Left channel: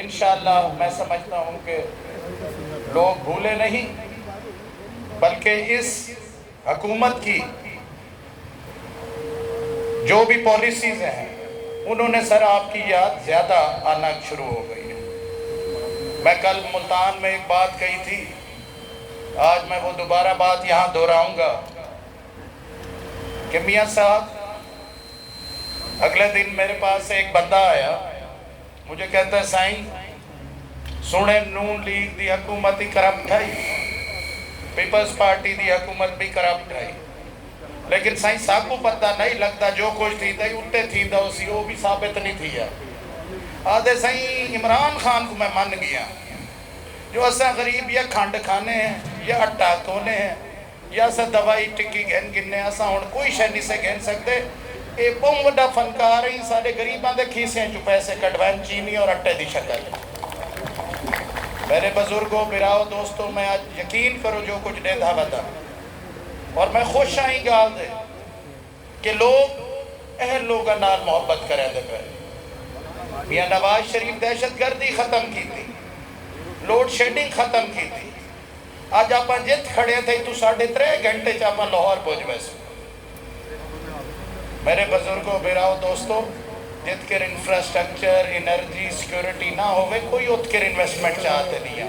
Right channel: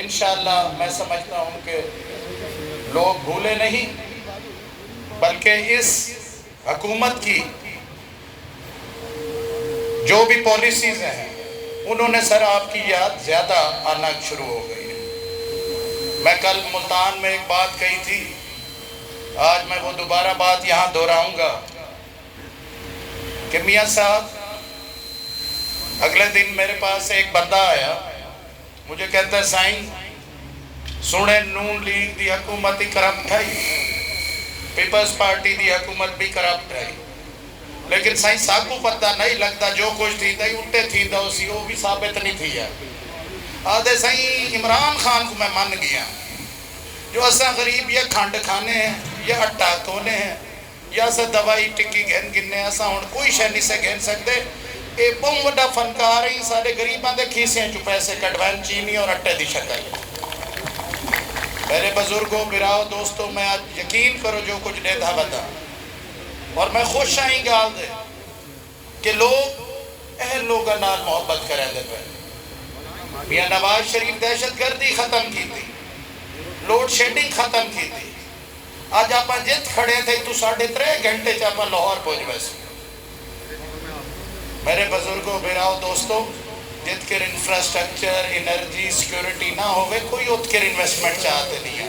انشاءاللہ میں سمجھتا ہوں کہ لوگ بھولے نہیں بلکہ اس حکومت کی جو بھی پالیسیز ہیں انہوں نے سر آپ کی یاد زیادہ آنا شروع ہو گئی ہے۔ میں کل ملتان میں ایک بات کہی تھی، آج میں وہ دوبارہ بات یہاں دہراؤں گا کہ میاں صاحب اگلے دن میرے پاس ایک بندہ آیا، مجھے کہتا ہے سائن سنے نون لیگ دی حکومت ہی کرپٹ ہے، پیپلز پارٹی دی حکومت بھی کرپٹ ہے، لیکن سائن صاحب کو پتہ نہیں لگتا جو کچھ تھی دائی اٹھے تھی دا اسی وہ بھی ثابت نہیں تھی ہے۔ آدھے سائن عمران خان کو میں مان گیا جو اسا غریب یا کھانڈ کھانے ہیں یا اٹھا کونے ہیں یا اسا دوائی ٹکی گھن گننے اسا ہون کوئی شہ نہیں سے گھن سکتے۔ اے بہت بڑا فنکار ہیں سارے غریباں دے کھیسیں جو پیسے کٹوائن چینی اور اٹھے دی شکل۔ میرے بزرگوں براؤ دوستوں میں آج یقین کرو جو کچھ دے دھا بتا اور میں خوش آئیں گال دے کہ لوگ اہل لوگاں نال محبت کریں دے پہلے۔ میاں نواز شریف دہشت گردی ختم کی تھی، لوڈ شیڈنگ ختم کی تھی، آج آپ جت کھڑے تھے تو 3.5 گھنٹے چاپا لاہور پہنچ ویسے۔ میرے بزرگوں براؤ دوستوں جت کر انفراسٹرکچر انرجی سیکیورٹی نہ ہوئے کوئی ات کر انویسٹمنٹ چاہتے نہیں ہے۔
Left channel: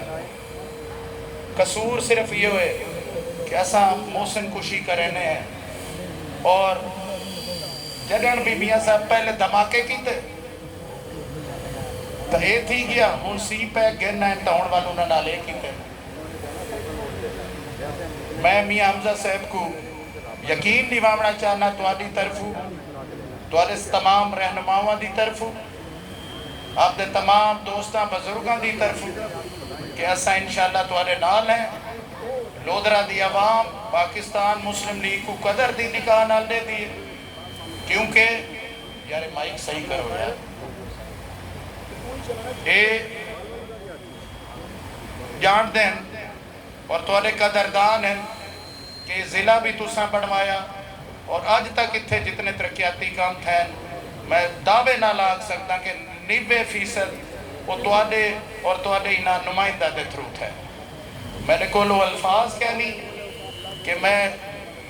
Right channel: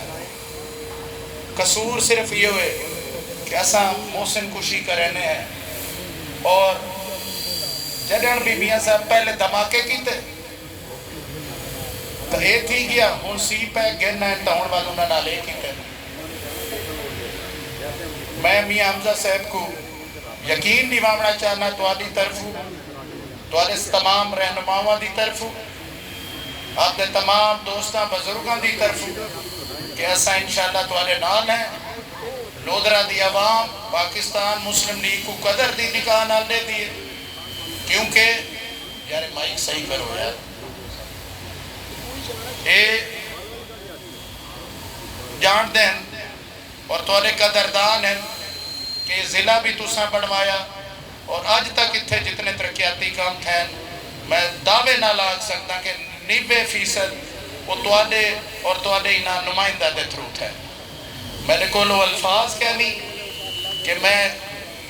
قصور صرف یہ ہوئے کہ ایسا محسن کشی کرنے ہیں اور جنرل بھی میاں صاحب پہلے دھماکے کی تھے تو یہ تھی گیا موسی پہ گرنا ٹاؤن والوں نے نالے کی تھے۔ میں میاں حمزہ صاحب کو یقین دیوانا چاہنا تواری طرفوں توارے تمام رہنماؤں دی طرفوں آپ دے تمام دوستاں بزرگاں دی طرفوں کہ ایسا انشاءاللہ توارے نال ہیں۔ لودرہ دی عوام پاکستان مسلم لیگ کو قدر دی نکاح نال دے دیئے کیونکہ یار مائک صحیح کرو یار اے جان دیں اور توارے قدردان ہیں کہ ضلع بھی تُساں بڑھوایا اور آج تک اتھے جتنے ترقیاتی کام تھے میں دعوے نہ لاگ سکتا کہ 90% وہ توڑے اور توڑے ہی نمائندہ دے تھرو تھے۔ میں نے کولو الفاظ کہنی کہ میں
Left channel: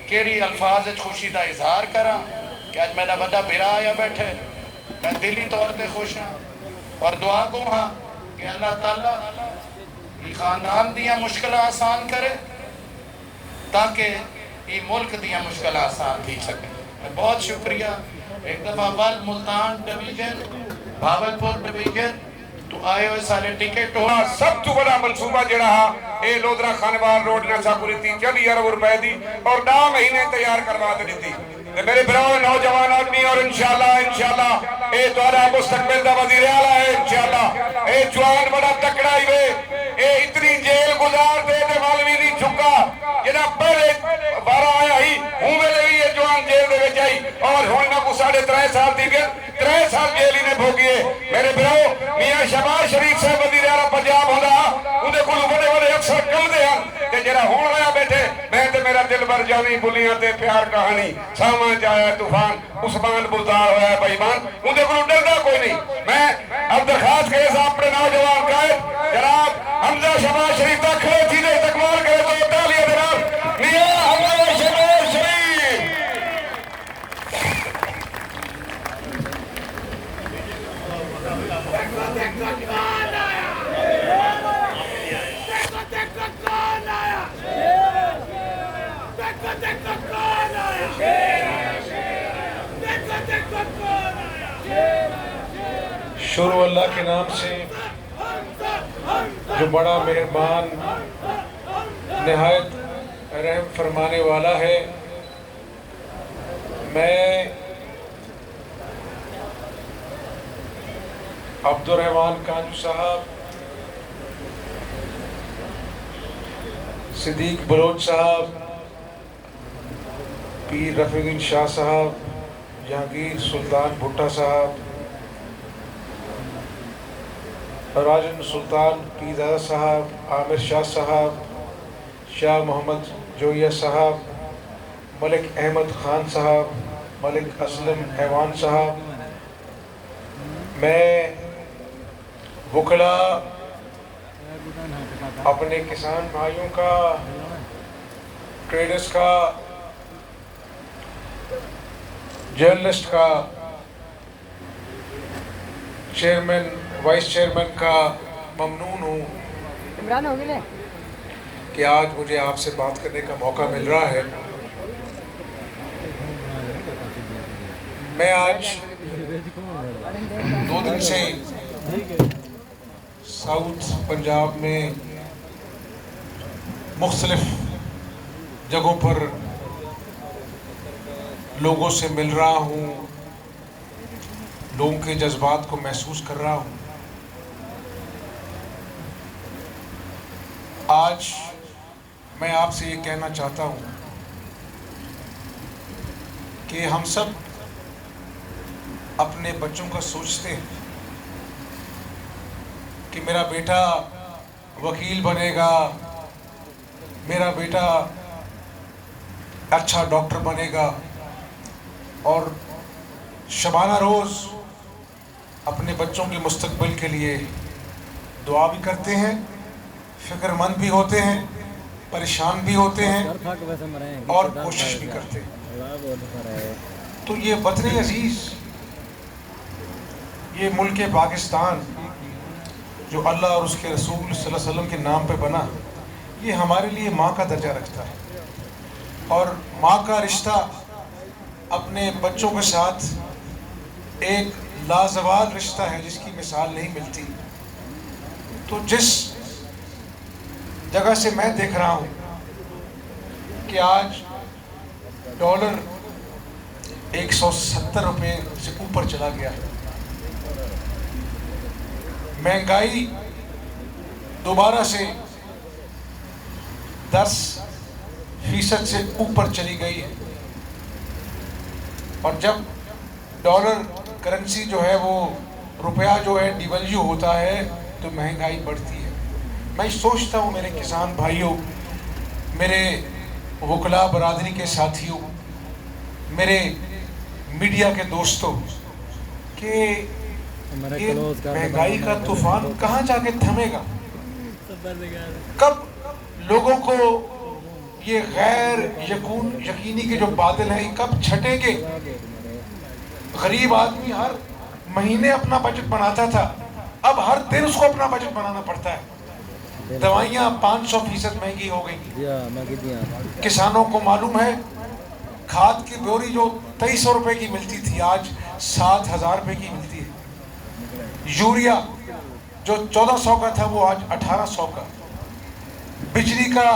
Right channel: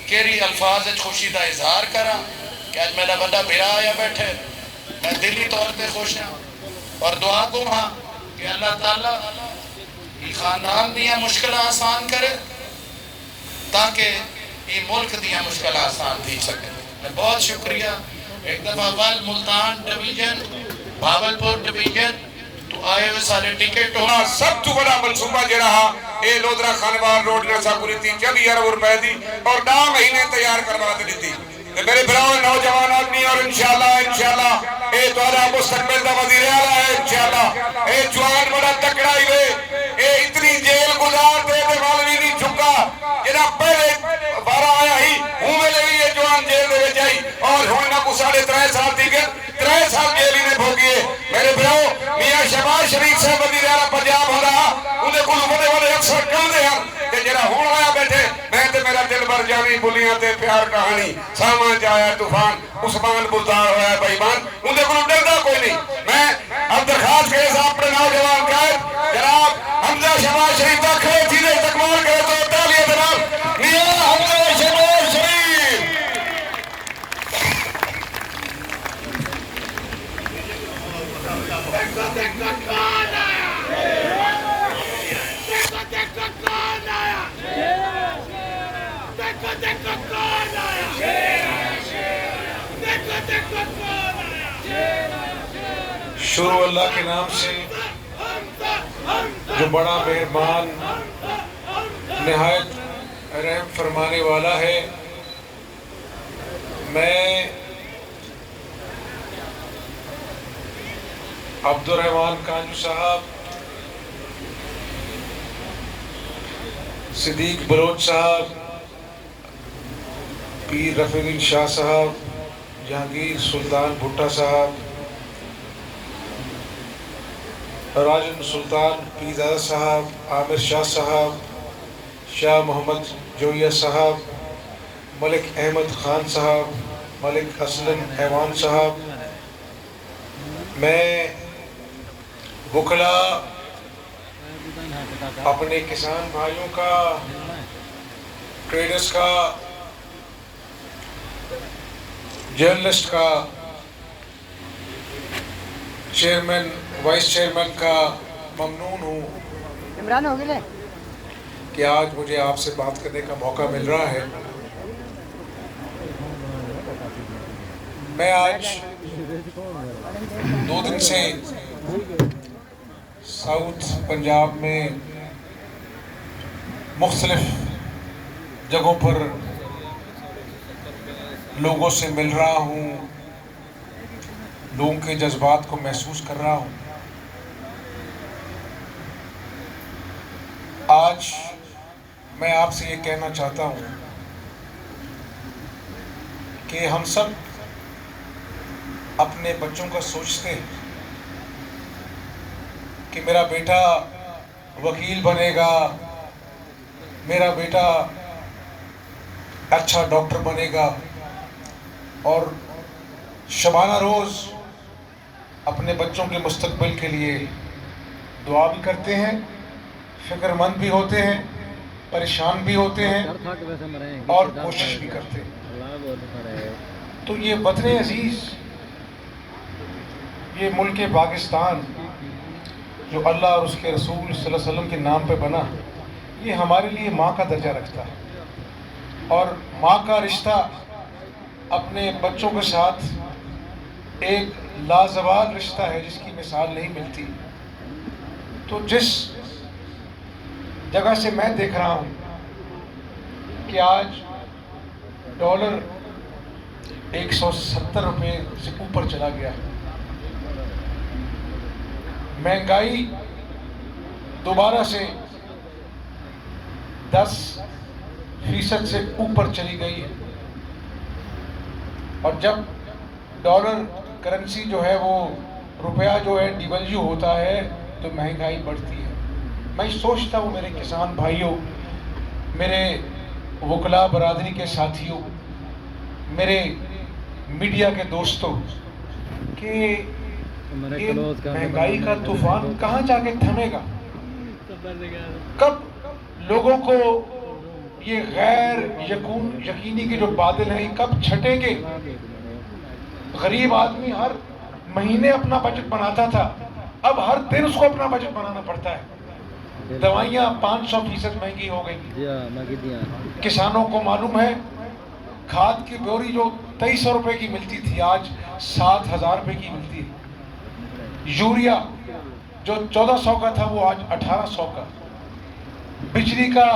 کیری الفاظ خوشی دا اظہار کرا کہ آج میرا بڑا بھیرا آیا بیٹھے میں دلی طور پہ خوش ہوں اور دعا دوں ہاں کہ اللہ تعالیٰ یہ خاندان دیا مشکل آسان کرے تاکہ یہ ملک دیا مشکل آسان دی سکے۔ میں بہت شکریہ ایک دفعہ وال ملتان ڈویژن بھاولپور ڈویژن تو آئے ہوئے سارے ٹکٹ ہونا سب تو بڑا منصوبہ جڑا اے لودرہ خانوان روڈ جیسا کریتی 40,000 روپے دی اور 9 مہینے تیار کروا دیتی۔ میرے براؤ نوجوان آدمی اور انشاءاللہ اے دوارا مستقبل دا وزیر اعلیٰ ہے انشاءاللہ اے جوان بڑا تکڑا ہی لے اے اتنی جیل گزار دے دے والوی نہیں چھکا جنہا پہلے بارہ آیا ہی ہوں میں لگی یہ جوان جیل دے بچائی اور ہونا کو 3.5 سال دیگر 3 سال جیلی نے بھوگیے۔ میرے براؤ میاں شہباز شریف سے وزیر اعلیٰ پنجاب ہو رہا انہیں کل بڑے اکثر کل دے ہاں کہ جنہا ہون آیا بیٹھے میں تے میرا دل بر جاوی بلیاں تے پیار کہانی سامان جایا طوفان عثمان بزار ہویا بائیمان انہیں کل ڈردہ کوئی نہیں۔ میں اب درخواست کے ساتھ اپنے نوجوان قائد جناب حمزہ شہباز شریف کا کھڑے تھی نے تکمال کرے تو تالیہ جناب میاں حمزہ شہباز شریف۔ شروع اللہ کے نام سے جو بڑا مہربان نہایت رحم فرمانے والا ہے۔ میں عبدالرحمن کانجو صاحب صدیق بلوچ صاحب پیر رفیع الدین شاہ صاحب جہانگیر سلطان بھٹا صاحب راجن سلطان پیزادہ صاحب عامر شاہ صاحب شاہ محمد جویہ صاحب ملک احمد خان صاحب ملک اسلم ایوان صاحب میں वकला, अपने किसान भाइयों का, ट्रेडर्स का, जर्नलिस्ट का, चेयरमैन वाइस चेयरमैन का ममनून हूँ इमरान हो गए कि आज मुझे आपसे बात करने का मौका मिल रहा है। मैं आज 2 दिन से साउथ पंजाब में मुख्तलिफ जगहों पर लोगों से मिल रहा हूँ, लोगों के जज्बात को महसूस कर रहा हूँ। आज मैं आपसे ये कहना चाहता हूँ कि हम सब अपने बच्चों का सोचते हैं कि मेरा बेटा वकील बनेगा, मेरा बेटा अच्छा डॉक्टर बनेगा, और शबाना रोज़ अपने बच्चों के मुस्तकबिल के लिए दुआ भी करते हैं, फिक्रमंद भी होते हैं, परेशान भी होते हैं और कोशिश भी करते हैं। तो ये वतन अजीज़, ये मुल्क पाकिस्तान जो अल्लाह और उसके रसूल सल्लल्लाहु अलैहि वसल्लम के नाम पे बना, ये हमारे लिए माँ का दर्जा रखता है, और माँ का रिश्ता अपने बच्चों के साथ एक लाजवाब रिश्ता है जिसकी मिसाल नहीं मिलती। तो जिस जगह से मैं देख रहा हूँ कि आज डॉलर 170 रुपये से ऊपर चला गया है, महंगाई दोबारा से 10% से ऊपर चली गई है, और जब डॉलर करेंसी जो है वो रुपया जो है डिवैल्यू होता है तो महंगाई बढ़ती है। मैं सोचता हूँ मेरे किसान भाइयों, मेरे वकला बरादरी के साथियों, मेरे मीडिया के दोस्तों, कि ये महंगाई का तूफान कहाँ जाके थमेगा? कब लोगों को ये गैर यकीनी के जो बादल हैं कब छटेंगे? गरीब आदमी हर महीने अपना बजट बनाता था, अब हर दिन उसको अपना बजट बनाना पड़ता है। दवाइयाँ 500% महंगी हो गई। किसानों को मालूम है खाद की बोरी जो 2300 रुपये की मिलती थी आज 7000 रुपये की मिलती है। यूरिया जो 1400 का था वो आज 1800 का। बिजली का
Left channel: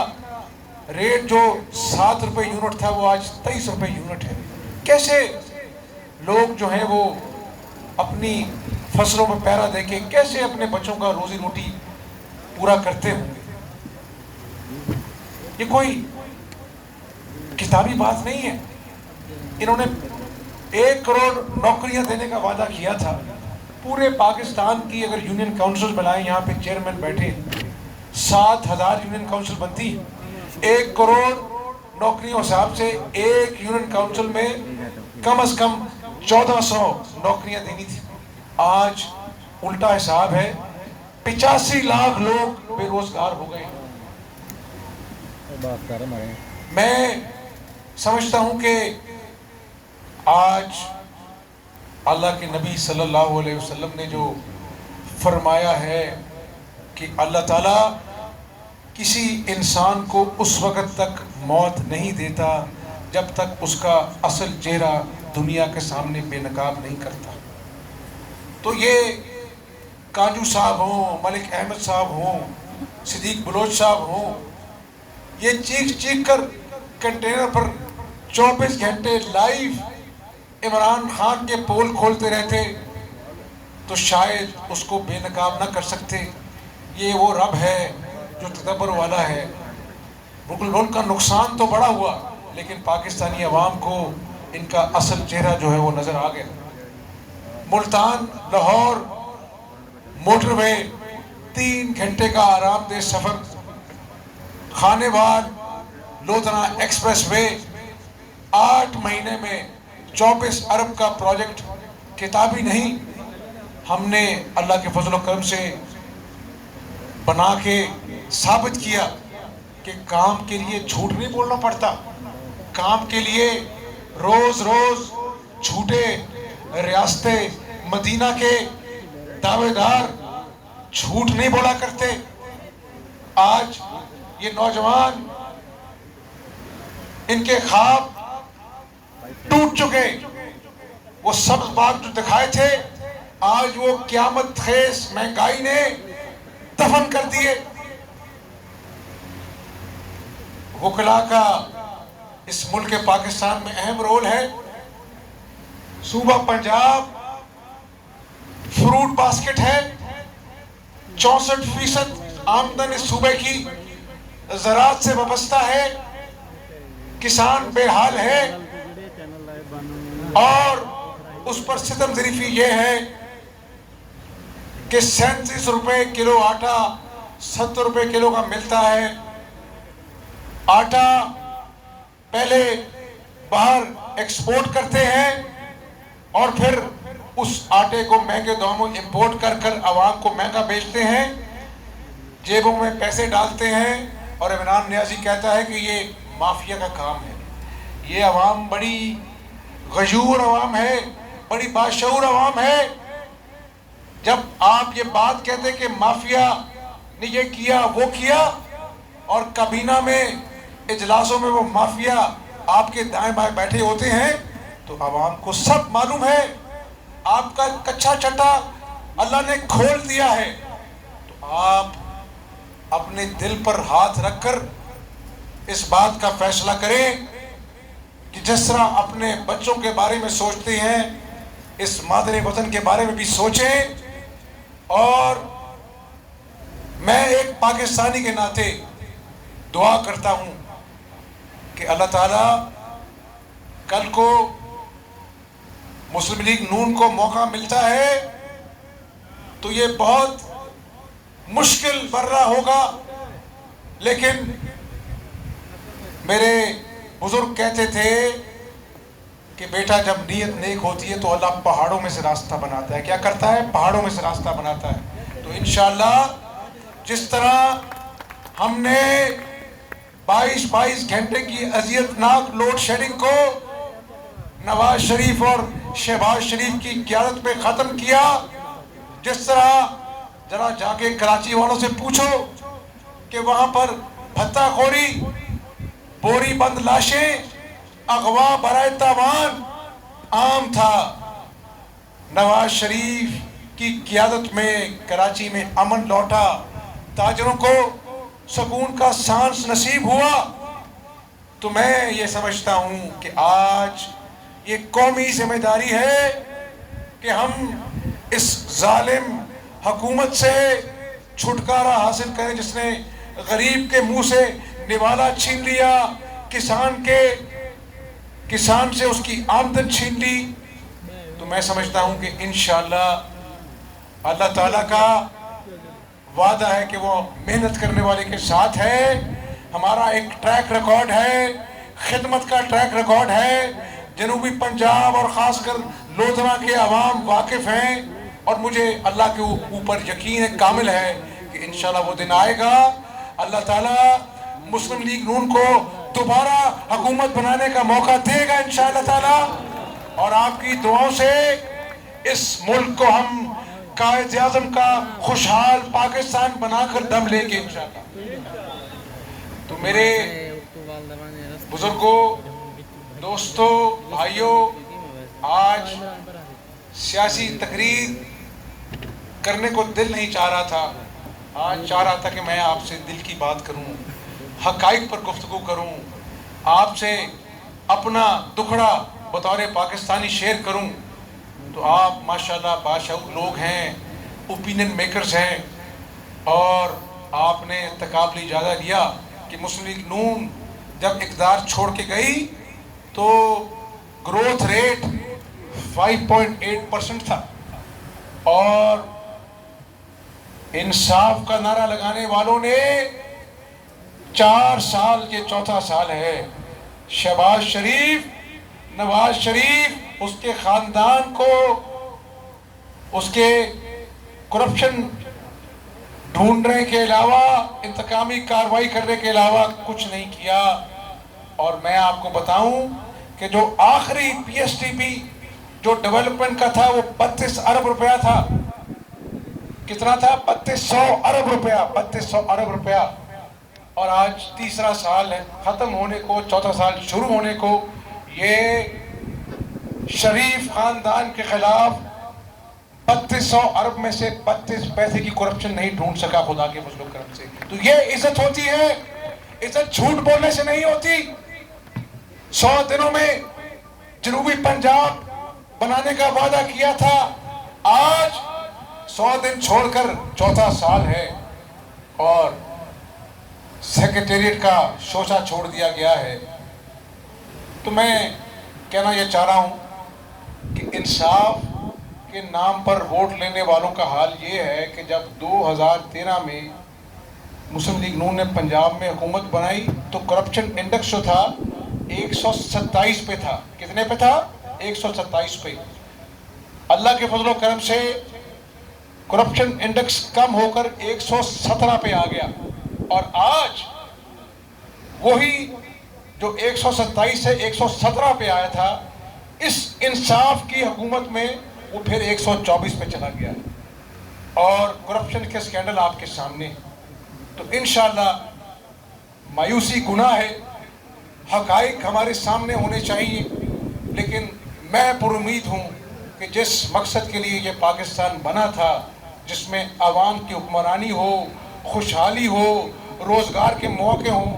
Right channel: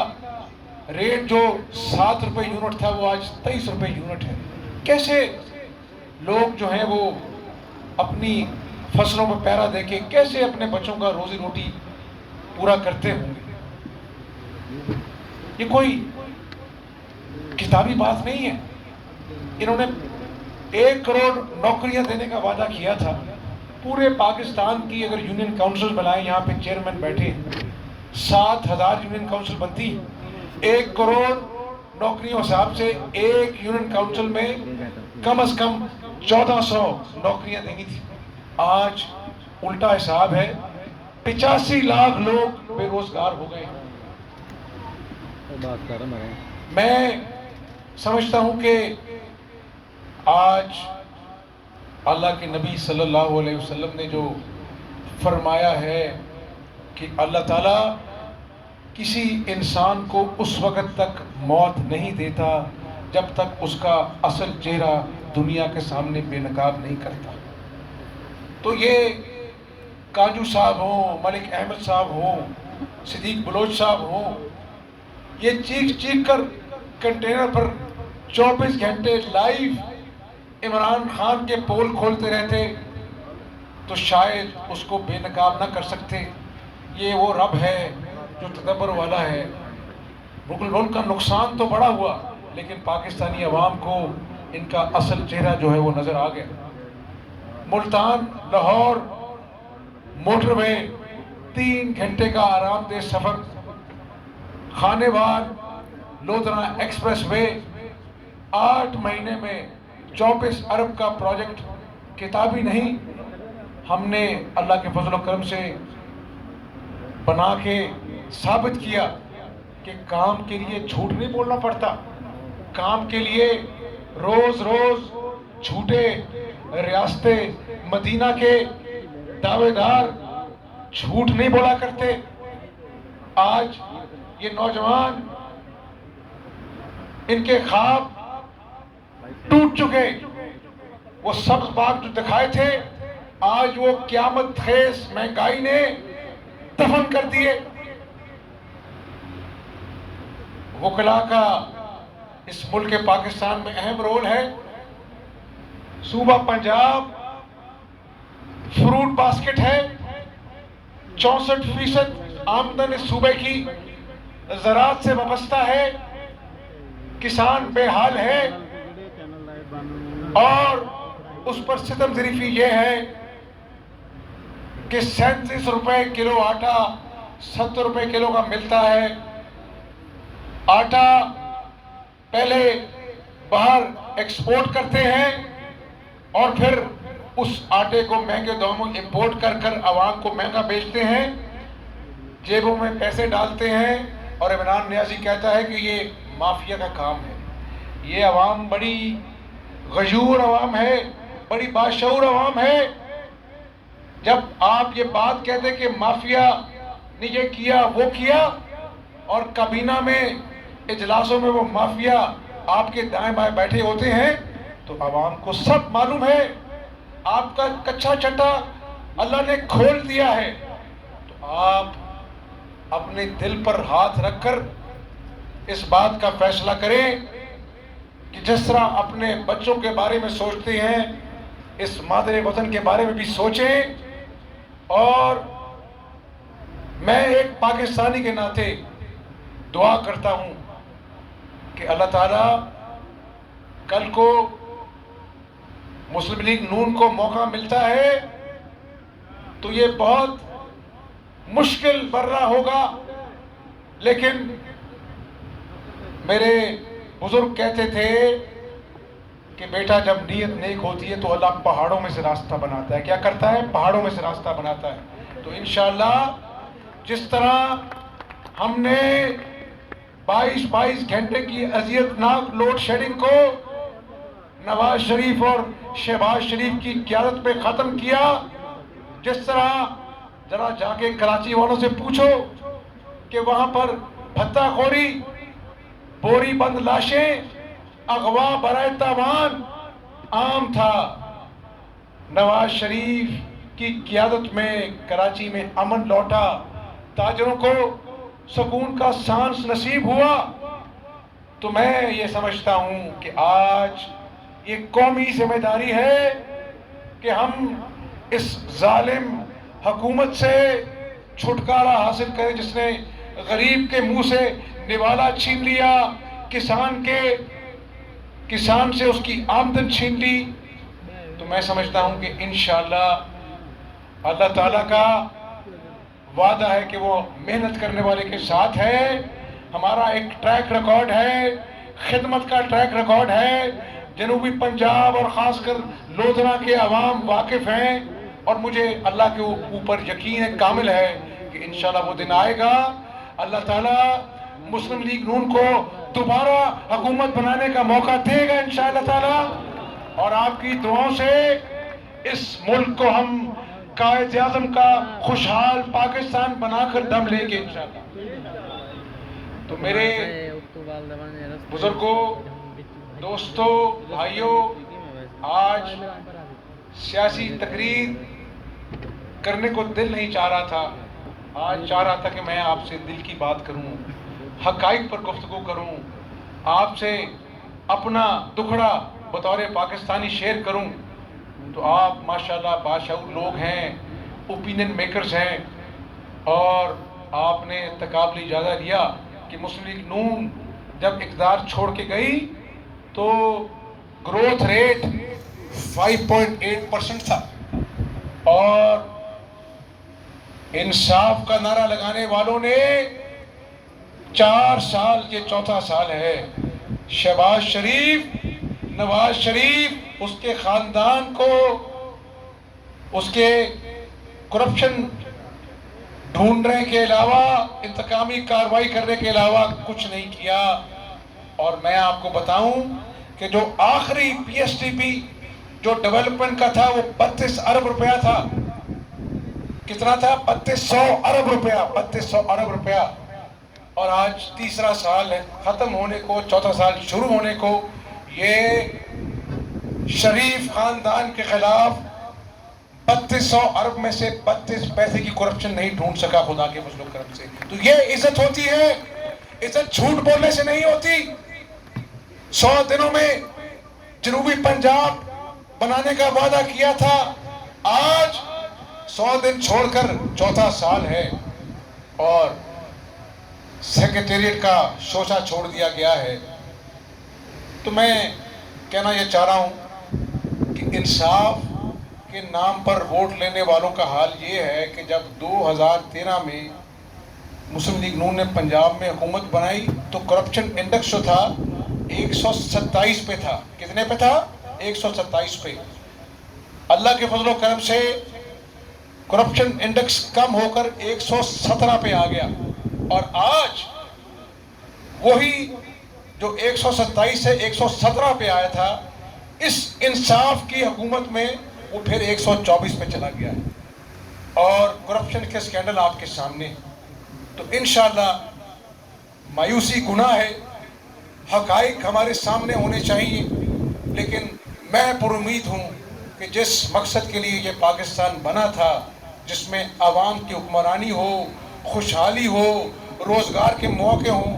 रेट जो 7 रुपये यूनिट था वो आज 23 रुपये यूनिट है। कैसे लोग जो हैं वो अपनी फसलों में पैरा देके कैसे अपने बच्चों का रोजी रोटी पूरा करते होंगे? ये कोई किताबी बात नहीं है। इन्होंने 1 करोड़ नौकरियां देने का वादा किया था। पूरे पाकिस्तान की अगर यूनियन काउंसिल बनाए, यहाँ पे चेयरमैन बैठे, 7000 यूनियन काउंसिल बनती, 1 करोड़ नौकरियों हिसाब से एक यूनियन काउंसिल में कम से कम 1400 नौकरियां देनी थी। आज उल्टा हिसाब है, 85 लाख लोग बेरोजगार हो गए। मैं समझता हूं कि आज अल्लाह के नबी सल्लल्लाहु अलैहि वसल्लम ने जो फरमाया है कि अल्लाह ताला किसी इंसान को उस वक़्त तक मौत नहीं देता जब तक उसका असल चेहरा दुनिया के सामने बेनकाब नहीं करता। तो ये काजू साहब हों, मलिक अहमद साहब हों, सिद्दीक बलोच साहब हों, ये चीख कर कंटेनर पर 24 घंटे लाइव इमरान खान के पोल खोलते रहते तो शायद उसको बेनकाब ना कर सकते। ये वो रब है जो तदब्बर वाला है। मुल्क का नुकसान तो बड़ा हुआ, लेकिन पाकिस्तानी अवाम को इनका असल चेहरा जो है वो नज़र आ गया। मुल्तान लाहौर मोटरवे 3 घंटे का आरामदेह सफ़र, खानेवाल लोधरा एक्सप्रेस वे 8 महीने में 24 अरब का प्रोजेक्ट किताबी नहीं। हमने अल्लाह के फजल करम से बना के साबित किया कि काम के लिए झूठ नहीं बोलना पड़ता, काम के लिए रोज रोज झूठे रियासते मदीना के दावेदार झूठ नहीं बोला करते। आज ये नौजवान, इनके ख्वाब टूट चुके, वो सब्ज बाग जो दिखाए थे आज वो क़यामत खेज महंगाई ने दफन कर दिए। वकला का इस मुल्क पाकिस्तान में अहम रोल है। सूबा पंजाब फ्रूट बास्केट है, 64% आमदन इस सूबे की ज़राअत से वाबस्ता है। किसान बेहाल है और उस पर सितम ज़रीफ़ी ये है कि 37 रुपए किलो आटा 70 रुपए किलो का मिलता है। आटा पहले बाहर एक्सपोर्ट करते हैं और फिर उस आटे को महंगे दामों इंपोर्ट कर कर आवाम को महंगा बेचते हैं, जेबों में पैसे डालते हैं। और इमरान नियाज़ी कहता है कि ये माफिया का काम है। ये आवाम बड़ी गजूर आवाम है, बड़ी बाशऊर आवाम है। जब आप ये बात कहते कि माफिया ने ये किया वो किया और काबीना में इजलासों में वो माफिया आपके दाएं बाएं बैठे होते हैं, तो आवाम को सब मालूम है। आपका कच्चा चट्टा अल्लाह ने खोल दिया है। तो आप अपने दिल पर हाथ रखकर इस बात का फैसला करें कि जिस तरह अपने बच्चों के बारे में सोचते हैं, इस मादरे वतन के बारे में भी सोचें। और मैं एक पाकिस्तानी के नाते दुआ करता हूं कि अल्लाह ताला कल को मुस्लिम लीग नून को मौका मिलता है तो ये बहुत मुश्किल बर्रा होगा, लेकिन मेरे बुजुर्ग कहते थे कि बेटा जब नीयत नेक होती है तो अल्लाह पहाड़ों में से रास्ता बनाता है। क्या करता है? पहाड़ों में से रास्ता बनाता है। तो इंशाअल्लाह जिस तरह हमने 22 घंटे की अजियतनाक लोड शेडिंग को नवाज शरीफ और शहबाज शरीफ की क़यादत में ख़त्म किया, जिस तरह जरा जाके कराची वालों से पूछो कि वहाँ पर भत्ताखोरी, बोरी बंद लाशें, अगवा बराए तावान आम था। नवाज शरीफ की क़यादत में कराची में अमन लौटा, ताजरों को सुकून का सांस नसीब हुआ। तो मैं ये समझता हूँ कि आज ये कौमी जिम्मेदारी है कि हम इस जालिम हुकूमत से छुटकारा हासिल करें जिसने गरीब के मुंह से निवाला छीन लिया, किसान से उसकी आमदन छीन ली। तो मैं समझता हूँ कि इंशाअल्लाह अल्लाह ताला का वादा है कि वो मेहनत करने वाले के साथ है। हमारा एक ट्रैक रिकॉर्ड है, खिदमत का ट्रैक रिकॉर्ड है। जनूबी पंजाब और ख़ासकर लोधरा के अवाम वाकिफ़ हैं और मुझे अल्लाह के ऊपर यकीन कामिल है कि इंशाअल्लाह वो दिन आएगा, अल्लाह ताला मुस्लिम लीग नून को दोबारा हुकूमत बनाने का मौका देगा इंशाअल्लाह ताला। और आपकी दुआओं से इस मुल्क को हम कायद आज़म का खुशहाल पाकिस्तान बनाकर दम लेंगे इंशाअल्लाह। तो मेरे बुजुर्गों, दोस्तों, भाइयों, आज सियासी तकरीर करने को दिल नहीं चाह रहा था। आज चाह रहा था कि मैं आपसे दिल की बात करूं, हक़ाइक़ पर गुफ्तगू करूं, आपसे अपना दुखड़ा बतौर पाकिस्तानी शेयर करूं। तो आप माशाल्लाह बाशऊर लोग हैं, ओपिनियन मेकर्स हैं, और आपने तकाबली इजाज़ा लिया कि मुस्लिम लीग नून जब इक़्तिदार छोड़ के गई तो ग्रोथ रेट 5.8% था और इंसाफ का नारा लगाने वालों ने 4 साल के चौथा साल है। शहबाज शरीफ, नवाज शरीफ, उसके खानदान को उसके करप्शन ढूंढने के अलावा, इंतकामी कार्रवाई करने के अलावा कुछ नहीं किया। और मैं आपको बताऊं कि जो आखिरी पीएसटीपी जो डेवलपमेंट का था वो 32 अरब रुपया था। कितना था? 3200 अरब रुपया, 3200 अरब रुपया। और आज तीसरा साल है खत्म होने को, चौथा साल शुरू होने को। ये शरीफ खानदान के खिलाफ 3200 अरब में से 32 पैसे की करप्शन नहीं ढूंढ सका खुदा के फजल करम से। तो ये इज्जत होती है, इज्जत झूठ बोलने से नहीं होती। 100 दिनों में जनूबी पंजाब बनाने का वादा किया था, आज 100 दिन छोड़कर चौथा साल है और सेक्रेटेरिएट का शोषा छोड़ दिया गया है। तो मैं कहना यह चाह रहा हूं कि इंसाफ के नाम पर वोट लेने वालों का हाल ये है कि जब 2013 में मुस्लिम लीग नून ने पंजाब में हुकूमत बनाई तो करप्शन इंडेक्स जो था 127 पे था। कितने पे था? 127 पे। अल्लाह के फजल करम से करप्शन इंडेक्स कम होकर 117 पे आ गया और आज वही जो 127 से 117 पे आया था, इस इंसाफ की हुकूमत में वो फिर 124 पे चला गया और करप्शन के स्कैंडल आपके सामने। तो इंशाअल्लाह मायूसी गुनाह है, हकाइक हमारे सामने होने चाहिए, लेकिन मैं पुरुमीद हूँ कि जिस मकसद के लिए ये पाकिस्तान बना था, जिसमें आवाम की हुक्मरानी हो, खुशहाली हो, रोज़गार के मौके हों,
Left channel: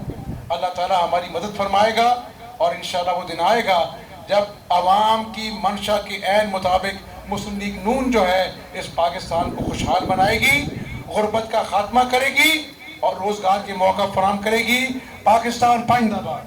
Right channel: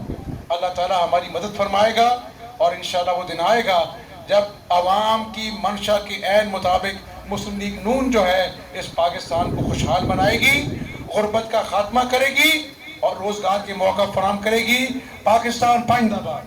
अल्लाह ताला हमारी मदद फरमाएगा और इंशाअल्लाह वो दिन आएगा जब आवाम की मंशा के ऐन मुताबिक मुस्लिम लीग नून जो है इस पाकिस्तान को खुशहाल बनाएगी, गुर्बत का खात्मा करेगी और रोज़गार के मौका फराहम करेगी। पाकिस्तान जिंदाबाद।